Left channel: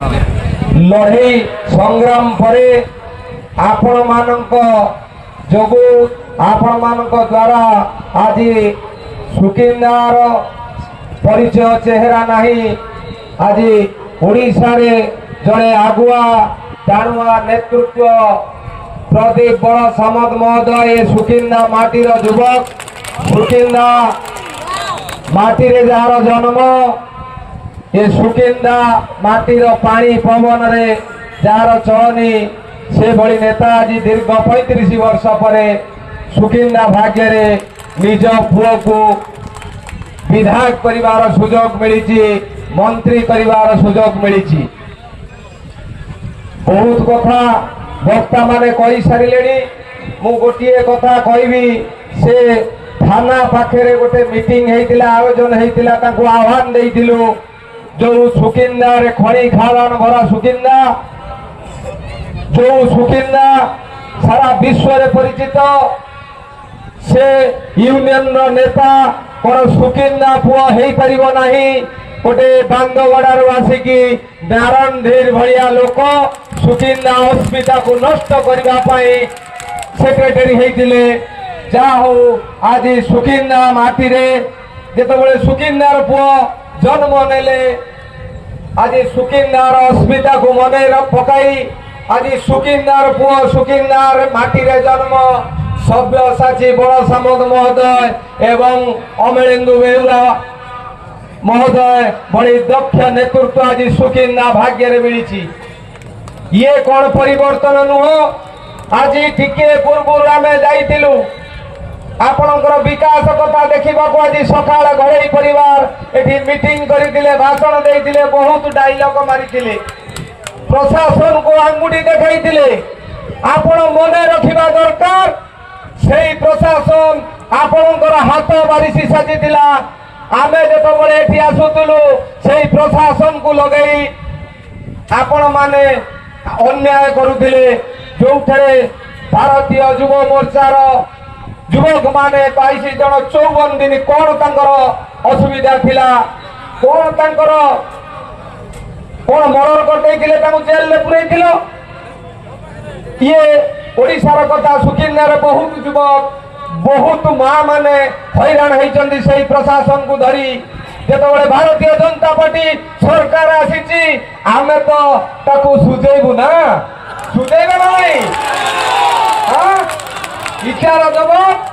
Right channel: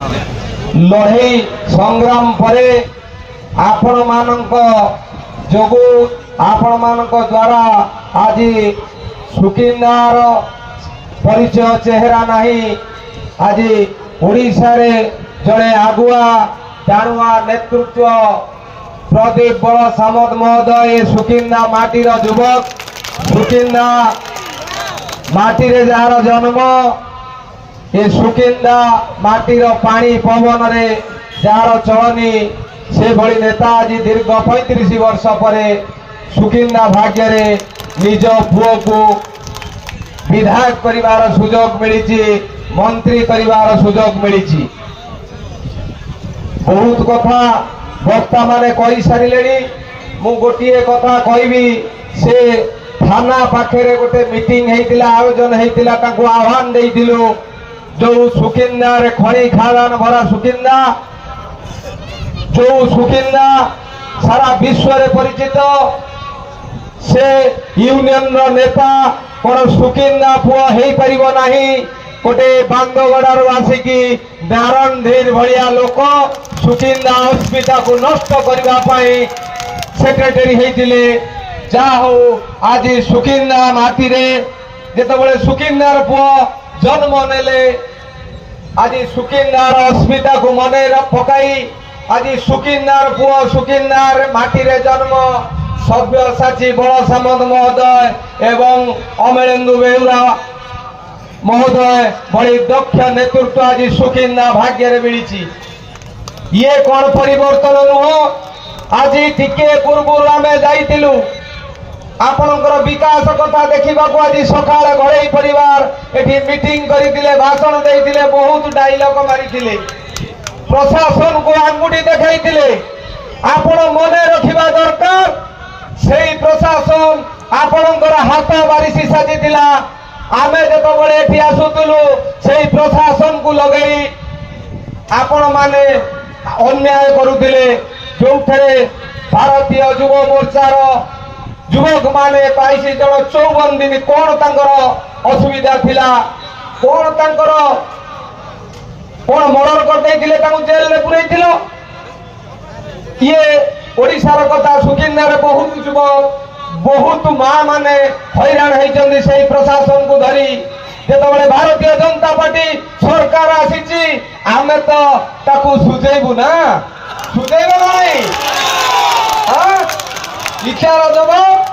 लड़ई संग्राम परे आपण मानक जोगु आपण मानक द्वारा आज सुकिंदार परिचय चेहरा नहीं। आज ओडिशा रे जड़े आगुआ जाणुआ नेतृत्व प्रदीप बड़ सामद महोदय सुकिंदा माटीर युवक सुकिंदा माटी रे जार जन्म ये सुकिंदा माटीर पानी पवन रे जार चलनी से भली नेता आज दीर्घ 35 वर्ष पर सुकिंदा भाग्य रे निज पुओ को विधायक करिवार सुजोग मिली मंत्री करिवार सुजोग मिली। बहुत कथा वक्ता माने कही सारे मु गोटे कथा कहबी से थाना पाखे गोटे मीटिंग होता आयोजन होता आह्वान देइथिलु जो सुकिंदा रे खणी खादान भरा सुकिंदा जो सुकिंदा सारा विश्व रे परिचित से यूनियन रो नेता कोन सुकिंदा पुआ हेई परिबो नाही। गोटे बांदगड़ारू आसिकी नारायण धीर भलिया लोक सुकिंदा अस्मिता को नष्ट करबा पाई सेक्रेटरी हेइतिले। जा हो आज सुकिंदा माटी रे जेतबेले सुकिंदार पुआ जन्म नेले आज सुकिंदार अस्मिता को मने पकाई आज सुकिंदार पुआ सुकिंदार माटी रे जन्म सव्यसाची बड़ सामद महोदय एवं अमरेंदु बेहुरा महोदय बड़ी दक्ष नेतृत्व आज सुकिंदा भाग्य रे मिली। ये कौन परिवर्तन नुह आज टिके पूर्व आम जाइलु आपणकर विकास कथा देखा आज सकाल घड़ई परिवार एठी मीटिंग करथिले भाषण देइथिले बहुत डायलॉग मारिथिले प्रशासन को आंगुठी देखाइथिले। आपण मने रखिबा दरकार सेई प्रशासन आपणकर हाथ बारिशी साजिथिला आमे जेतबेले एठी आसुथिलु सेई प्रशासन को लगेई आपण माने अन्याय करुथिले जोठरे भारतीय युव मोर्चार युवक माने 22 जन 54 दिन कौन तांकर असुविधा थिला कौन तांकर कौन मर्डर करदेइथिले तांको जेल में पुरैथिलो। ये ओडिशार कथा सुकिंदार बहुत युवक बहुत माँ माने हैरान होइचंदी सेही प्रशासन को धरी जेतबेले भारतीय जनता पार्टी सरकार आसीची आमे तो ताकू सुझेइबु ना सुझेइबा नहीं हां इच्छार जवाब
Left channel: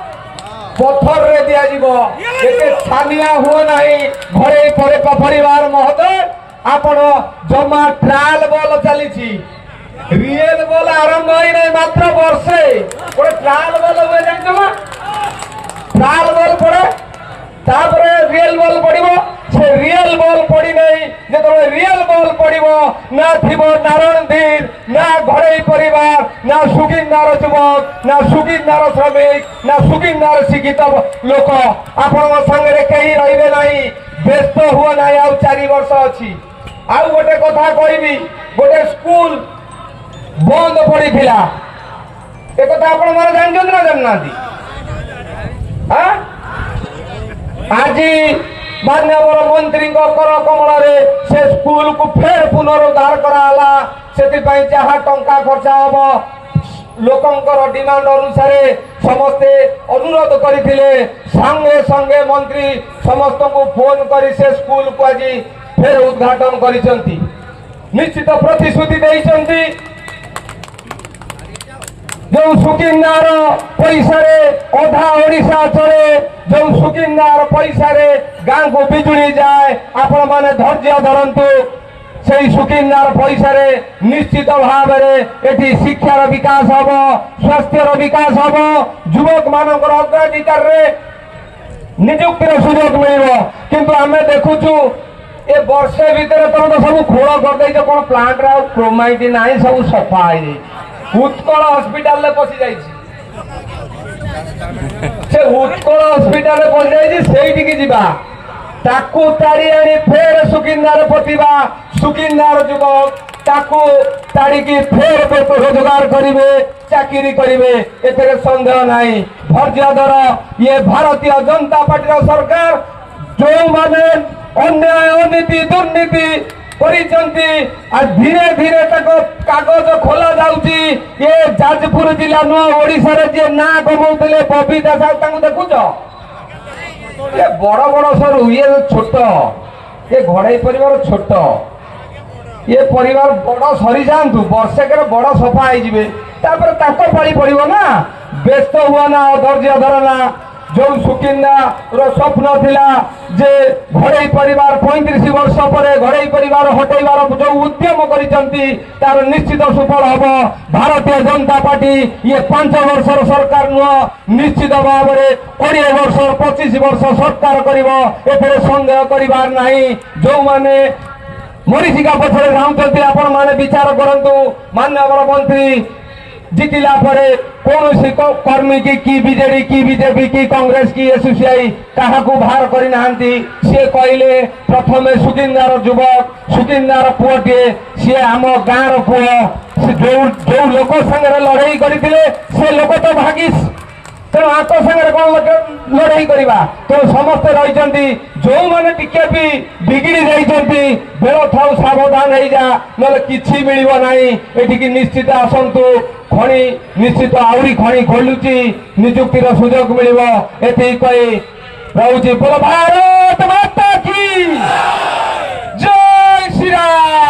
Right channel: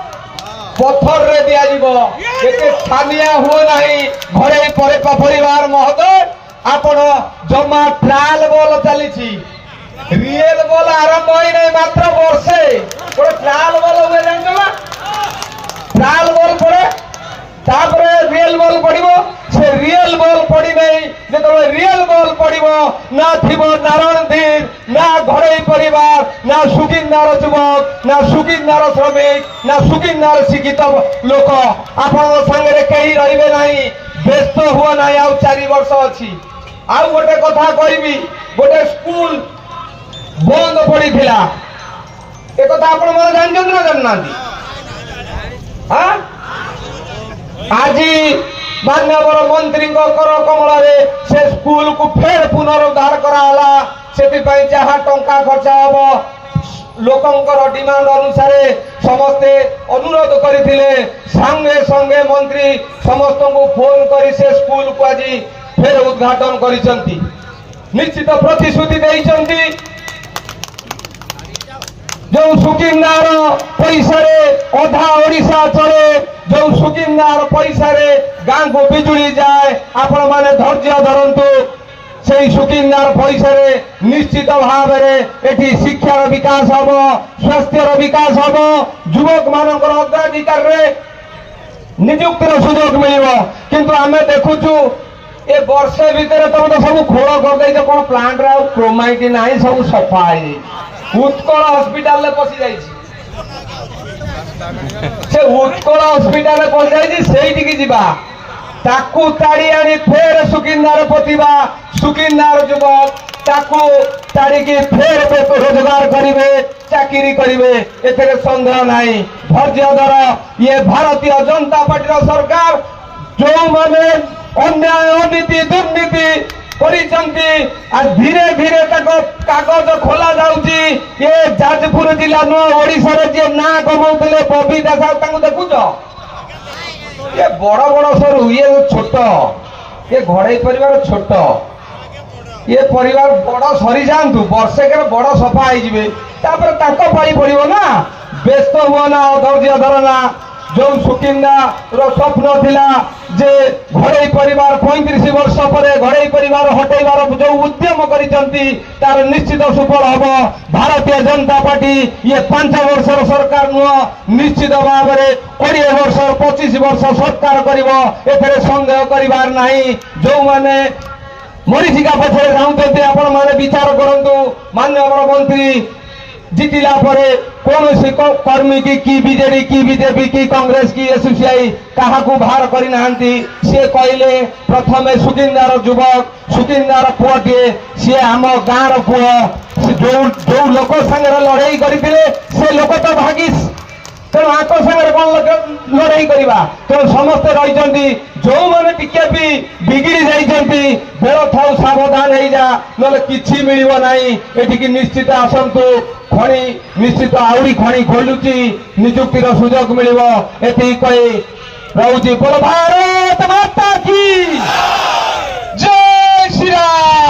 पत्थर रे दिया जीवो एते छानिया हुओ नहीं। घरे परिवार महोदय आपण जमा ट्रायल बॉल चलीची रियल बॉल आरंभ होई नहीं मात्र वर्षे कोई ट्रायल बॉल हुए जानछो ना ट्रायल बॉल पड़े तापरे रियल बॉल पड़िबो से रियल बॉल पड़ी नहीं जेतो रियल बॉल पड़िबो ना थिबो नारायण धीर ना घरे परिवार ना सुकिंदार युवक ना सुकिंदार श्रमिक ना सुकिंदार शिक्षित लोक आपण संगे कहीं रहिबे नाही व्यस्त हुओ नाही। आ 4 वर्ष अछि आ गोटे कथा कहबी गोटे स्कूल बंद पड़ी थिला ए कथा आपण माने जानछन ना जाननादी हां आज मान्यवर मंत्री कर कमल से स्कूल को फेर पुनरुद्धार कराला से जहाँ टंका खर्च हम लोकंकर डिमांड अनुसार समस्ते अनुरोध करथिले संगे संगे मंत्री समस्त को फोन करी से स्कूल को आज फेर उद्घाटन करिसंती निश्चित प्रतिश्रुति देइसंती जो सुकिंदार पैसा अधा ओडिशा चले जो सुकिंदार पैसा गाँ को बिजुली जाए आपण माने धैर्य धरंतु से सुकिंदार पैसा निश्चित भाव एटी शिक्षार विकास हम स्वास्थ्यर विकास हम युवक मानकर अग्राधिकार निजुक्तिर सुजोग मिल किंतु आम देखुचु ए वर्षे भितर तुम तो सब खोल कर कौन प्लांट क्रोमाइट ना सब सफा उत्कल हस्पिटाल पशि जाइए से उत्कल हस्पिटाल पशि जाइए से जीवा ताकू ताड़ी आनी फेर सुकिंदार प्रतिभा सुकिंदार युवक ताकू ताड़ी फेर रोजगार करेंगे चाकरी करेंगे एथे सन्देह नहीं। धैर्य धर ये भारतीय जनता पार्टी सरकार जो माने अन्याय अनीति दुर्नीति କରିଛନ୍ତି আর ধীরে ধୀরে ତାଙ୍କ କାଗଜ ଖୋଲା ଯାଉଛି। ଏ ଯାଜପୁର ଜିଲ୍ଲା ନୁହଁ ଓଡ଼ିଶାରେ ଯିଏ ନାଁ କମଉଥିଲେ ବବି ଦାସ ତାଙ୍କୁ ଦେଖୁଛ? ଏ ବଡ ବଡ ସରୁ ଇଏ ଛୋଟ, ଏ ଘଡେଇ ପରିବାର ଛୋଟ, ये परिवार बड़ सरी जातु वर्षेकर बड़ सफा हो तापर पाई पड़ो ना। व्यस्त हुआ ना, धैर्य धरना। जो सुकिंदा स्वप्न थिला जे घड़ई परिवार 35 वर्ष पर घड़ई परिवार हटेबार जो उद्यम करिसंती तार निश्चित सफल हम। भारतीय जनता पार्टी ये 5 वर्षर सरकार नुह, निश्चित भाव में 20 वर्ष 25 वर्ष सरकार करिवो, एथरे संदेह करिबार नाही। जो माने मरीचिका पछरे जाऊँच आपण मैंने विचार करूँ। माननीय मंत्री जीतिला कौन कर्मी की बीजेडी की बीजेपी की कांग्रेस की एसोसीआई क्या बाहर करना सी कहले प्रथम सुकिंदार युवक सुकिंदार पुओटे सी आम गाँव पुओ जो लोक संगे लड़ाई करते से लोक तो भागिस तेणु आक सागर कौन लड़ाई करवा। तेणु समस्ते रही जो मैंने टिके भी बिगिड़ी जाइए बेल थाउ सावधान हो जा ना कि मिल ना। ये निश्चित आसतु खଣି निश्चित आहरी खଣି खोलुची निजुक्तिर सुजोग मिल कही रहुची। बोलो भारत माता की जय श्री राम।